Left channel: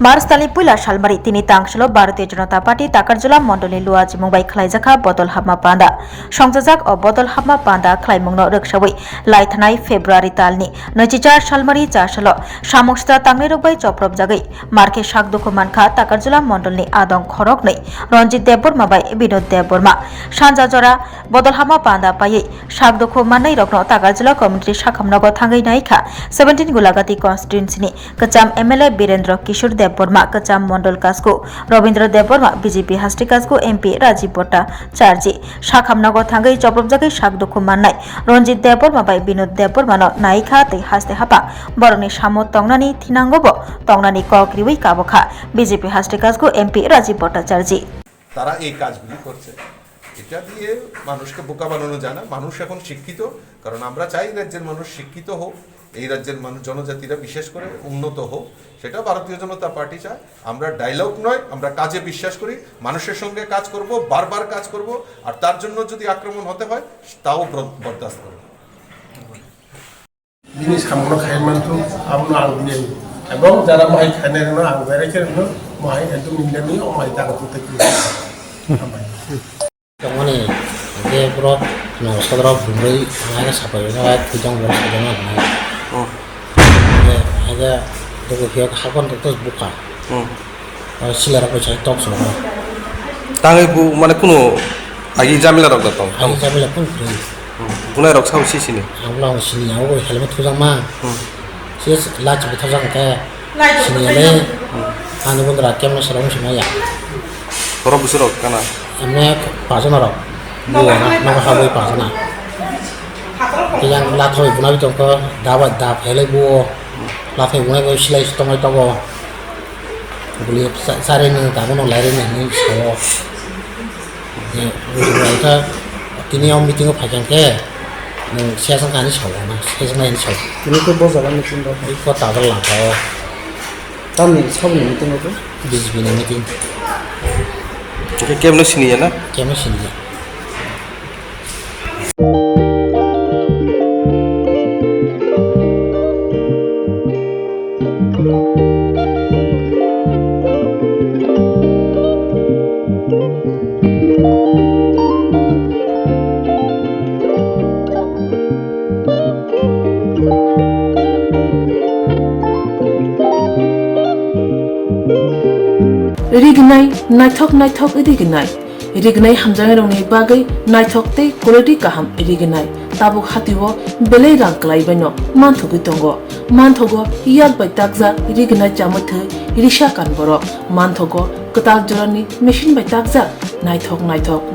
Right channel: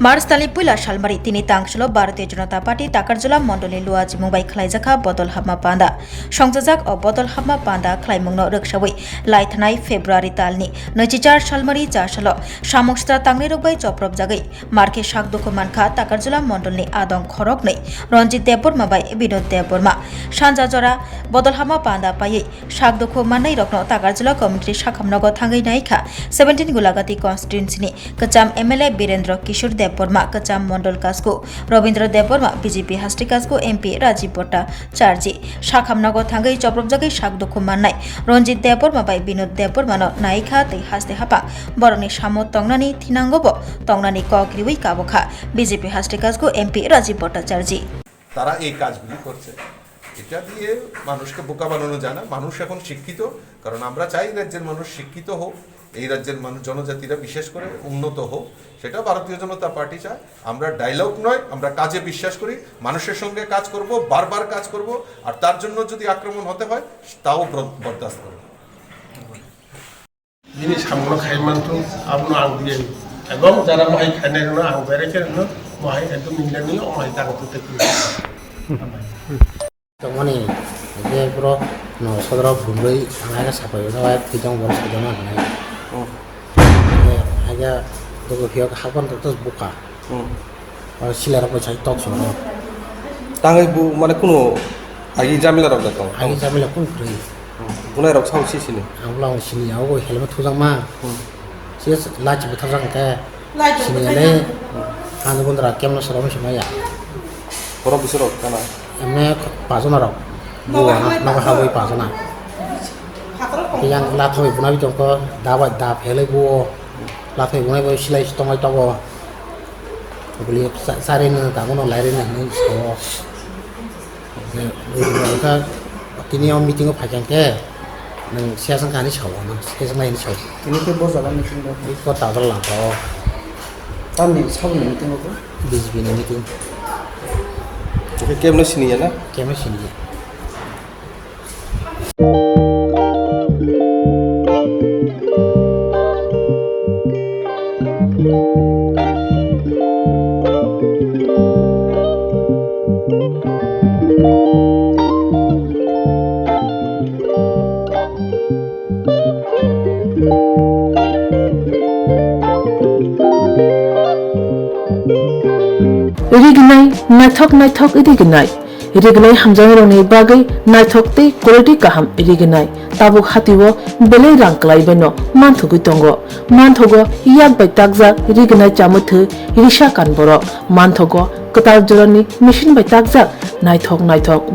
मार्च तालि पुला सालमारि तिनि तांगसलो भारतीय जनता पार्टी ताकारजला मण्डलनि लुवाजि मुंबाइ खलाइजाखा बदल हाबमा पान्दा संजाजाक अ बदल हाबमा पान्दा खलाइमुंनो रोखसावै लाइथानाय फेब्रुवारि तालनि 24 सालमारि जासलो सामोक्सता तांनै रोगबाय चप्रबजागै मार्के सागदुखु मानखा ताकारजला मण्डलनि आदं खरकनै रंजित देबबर्मा बाय विनोद देबबर्मा सानजा जरा बदल हाबमा पान्दा पायै सागदुखु माननै रकनो ताकारजला कमिटि साखामनगो थांगै नाइखा 17 गुलागाती कन्स्टिट्युएन्सिनि कचाम एमएलए वीरेन्द्र किशोर देबबर्मा कचाम मंडल कास्कु रवीन्द्र देबबर्मा बीजेपी हास्टे कास्कु एमपी राजीब भट्टाचार्य साखामनगर थांगै चप्रबजागै सागदुखु माननाय रंजित देबबर्मा बाय विनोद देबबर्मानो नाइखा तै हास्ते हापा बरनि सामो तंगनानि थिनांगोबो तंगनानि कक्रिवै काबखा बीजेपी हास्टे कास्कु एमपी राजीब भट्टाचार्य তারা এই কাজগুলি করছে। এটা দিয়ে মানুষকে বোকা বানানো যায় না। মানুষ এখন শিক্ষিত, কারণ আমরা চাই রাজ্যের মানুষ শিক্ষিত হোক, এই রাজ্যের মানুষ জনজাতিরা বিশেষ করে উন্নত হোক, সেটা ভারতীয় জনতা পার্টি চায়। আমরা ডায়লগ নয়, আমরা কাজে বিশ্বাস করি, মানুষের সঙ্গে কাজ করব, বারবার কাজ করব, আর তার জন্য যদি আক্রমণ হতে হয় তাও বরদাস্ত করব। জিনিস আমরা খাই মানতো আমরা আনবিয়ে এবং যারা মাই খানে না আনবারে কেন মাই একদম ইংরেজি ও মাই কাজ করতে মানে যে পুরো নরসদরা ভুলই আগে সাপাই না কুজাং বসে না আগে তো ফিয়া হাকন তো বুকা সিলারা পয়সা টপ সরা তাঙ্গে বু মানে কোনো আগে জামিলা রক দাও আগে জামিলা কোন ফ্রি গুনা রক সাউ সিসিনি আমরা সিনি আও হেলমেট তুজাং মা সে লাচ বিথাজাং তে সিনি আলে আনি বন্ধরা কেমন সারাম সময়া বড় বুসর কানা এমনে পাজনা রক বুয়া না হাবই পাজনা yang lathoi bunai jongko dabat da phele bu lathoi bunai go silai stomai tobo buli sare ni ta bono laire ni so ye ta tini om meeting phajan ke nang siasang kani so na siasang nai so tini ko boza ga meeting da ko ta da lang ko tamni sab ni meeting ko BJP ni meeting ke kemno sini ya na kemno sini Irignai naithok irignai hamjang rongni bagai naithok te quality kaham irignai tabuk hatiwo belai rang klai beno manthugu tongo manthogo yak bai takja irignai chamuthu irisha kan boro manthogo ketar jorani machine bai takja naithok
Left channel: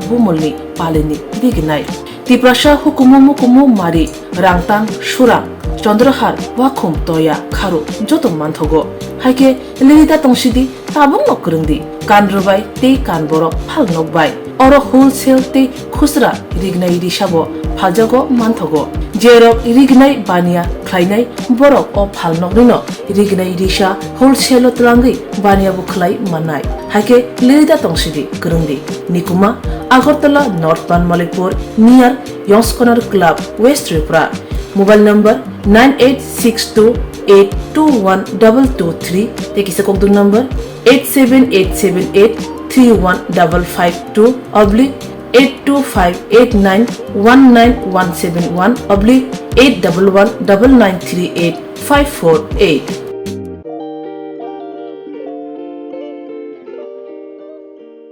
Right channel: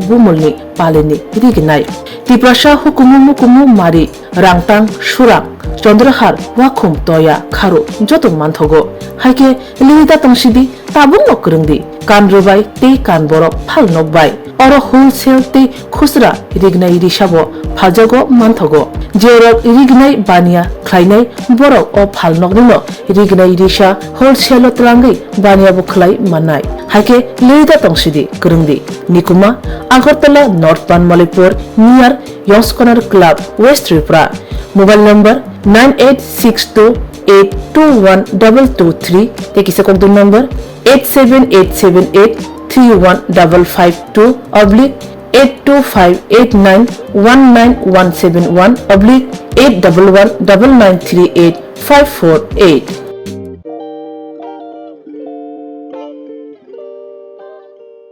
bumulni paleni irignai tiprasha hukumu mari rangtang surang চন্দ্রহার ওয়াখুম তয়া খারো যত মানথগো হাইকে লিলিতা তংসিদি তাবুন নকরংদি কান রবাই তে কান বড় ফাল নকবাই or wholesale তে খুচরা রিগনাই রিসাবো ফালজাগো মানথগো যেরক রিগনাই বানিয়া খাইনাই বড় ও ফাল নকনিনো রিগনাই রিসা হোলসেল তলাঙ্গি বানিয়া বখলাই মানাই হাইকে লিলিতা তংসিদি করংদি নিকুমা আগরতলা নর্থ পানমালিপুর নিয়ার ইয়ংসকনার club west Tripura mobile number 9862821223 tekisa kontak number 87878315552 oblique 825891971 oblique 8119938 548